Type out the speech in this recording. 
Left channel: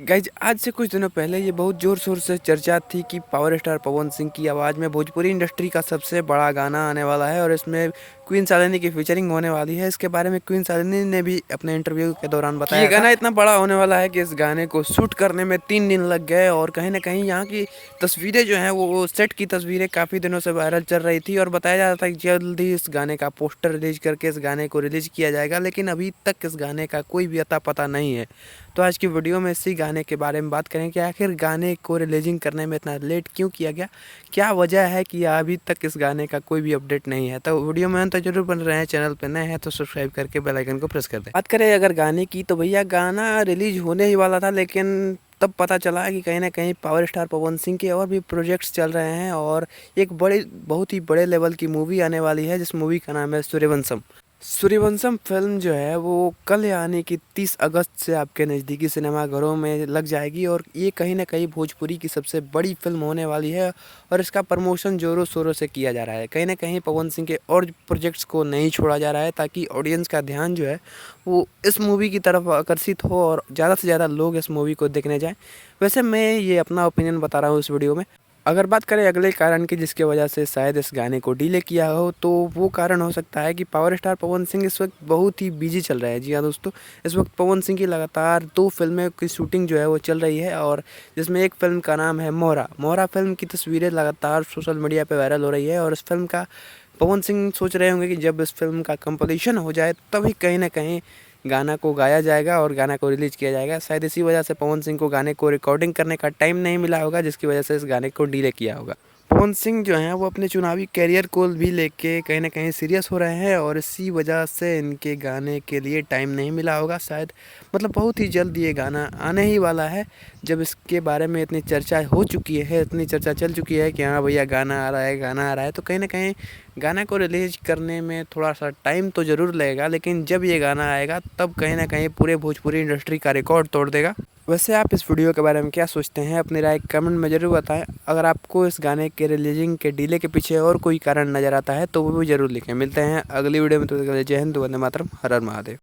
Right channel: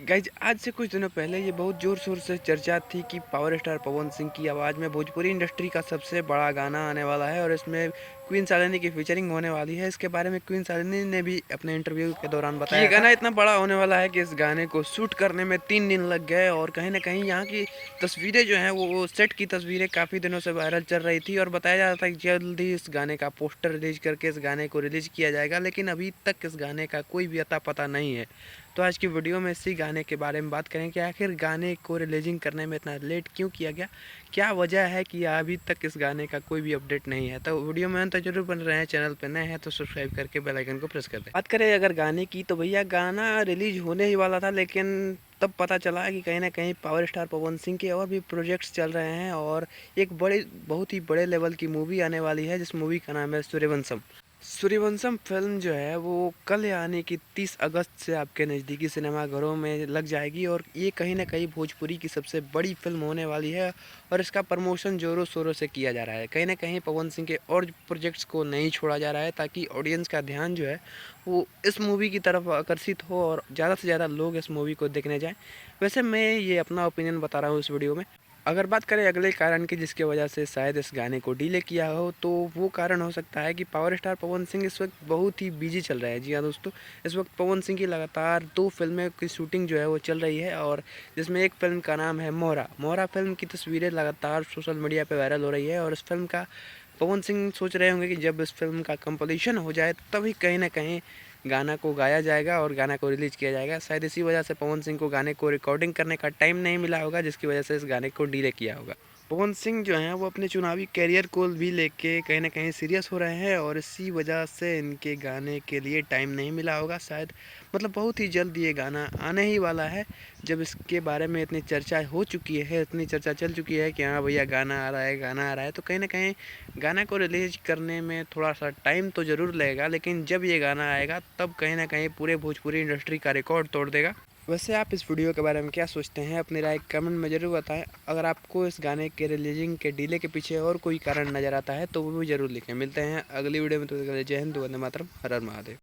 Guys आज से कुछ दिनों पहले ये बहुत ज़ोर शोर से चर्चा थी कि पावर स्टार पवन सिंह की आवाज़ में भोजपुरी इंडस्ट्री का सबसे बड़ा गाना आने वाला है और इसमें क्वीन शालिनी की फीचरिंग होने वाली है। इसके बारे में क्वीन शालिनी ने भी अपने इंटरव्यू के दौरान बताया कि ये गाना इतना बड़ा होने वाला है कि इस गाने को शूट करने में 3 दिन लग गए और कहीं ना कहीं यहाँ की तस्वीरें जो हैं वो सेट की तस्वीरें काफ़ी दिनों से वायरल चल रही थी और बताया जा रहा था कि जल्द ही इस गाने का पोस्टर रिलीज करके इस गाने को रिलीज किया जाएगा, लेकिन अभी तक इस गाने का कोई भी अता पता नहीं है। तो आज की वीडियो में इसी गाने के बारे में बात करें कि आखिर गाने को रिलीजिंग करने में इतना लेट क्यों किया गया, क्या वजह है कि अभी तक इस गाने का कोई भी अपडेट नहीं है। तो वीडियो में अंत जरूर बन रहे हैं, चैनल पर नए हैं तो सब्सक्राइब करके बेल आइकन को प्रेस कर दें। बात करें अगर गाने की तो भैया गाना रिलीज होने ही वाला था, लेकिन तब पता चला कि कहीं ना कहीं पावर स्टार पवन सिंह के और भी प्रोजेक्ट्स चल रहे हैं और एक बहुत ही बड़े लेवल की मूवी आने वाली है जिस मूवी का नाम है सूर्यवंशम। सूर्यवंशम फिल्म जो है वो कल यानी कि 30 अगस्त से आपके नज़दीकी सिनेमाघरों में लग जाएगी और ये कहीं ना कहीं भोजपुरी की सबसे बड़ी फिल्म होने वाली है और इसका प्रमोशन ज़ोरों शोरों से किया जा रहा है। कहीं ना कहीं पवन सिंह के और प्रोजेक्ट्स को नहीं छोड़ा जा रहा है ताकि ऑडियंस का ध्यान जो है वो इस मूवी की तरफ आकर्षित हो और ज़्यादा से ज़्यादा लोग इस मूवी को देखने जाएँ। वैसे मैं ये अपना ओपिनियन बता रहा हूँ इस वीडियो में। अगर बात करें अगले कारण की जिसकी वजह से शायद इस गाने को डिले किया हो, तो वो कारण हो सकता है कि पावर स्टार पवन सिंह इस वक्त बहुत ही बिजी चल रहा है। जी हाँ दोस्तों, इस वक्त पवन सिंह की लगातार 2 फिल्में की शूटिंग जो है वो चल रही है और जिसमें एक फिल्म का नाम है मोहरा। मोहरा फिल्म की तस्वीरें लगातार सोशल मीडिया पर वायरल हो रही है और इस फिल्म का पवन सिंह सोच रहे होंगे कि जब इस फिल्म का कंप्लीशन हो जाए तभी कहीं ना कहीं गाना को गाया जाएगा और गाना को रिलीज़ किया जाएगा। शायद इसी वजह से पवन सिंह को गाने को रिकॉर्डिंग करने का टाइम नहीं मिला होगा, जिसकी वजह से इस गाने को डिले किया होगा। पवन सिंह जो हैं वो अपने चुनावी करियर को भी लेके कहीं ना कहीं सीरियस हो रहे हैं और इसी वजह से इनके गाने के लिए टाइम नहीं मिला होगा। शायद मतलब बहुत ही जल्द ये गाना आने ही वाला है। जब इसके बारे में इतनी चर्चा हो चुकी है, इतनी चर्चा चल चुकी है कि हाँ भैया गाना आ रहा है, गाना आ रहा है, तो कहीं ना कहीं गाना को रिलीज करने में थोड़ा सा टाइम तो ज़रूर लगेगा, लेकिन जब ये गाना आएगा तब कहीं ना कहीं पूरे भोजपुरी इंडस्ट्री का रिकॉर्ड तोड़ देगा। वैसे आप इस वीडियो के बारे में क्या सोचते हैं, अपनी राय कमेंट में ज़रूर बताएं। अगर आपको इस गाने के रिलीजिंग के डिले के पीछे और कोई कारण नज़र आता है तो वो भी ज़रूर लिखें। मिलते हैं अगली वीडियो में, तो जय हिंद, वंदे मातरम, हर हर महादेव।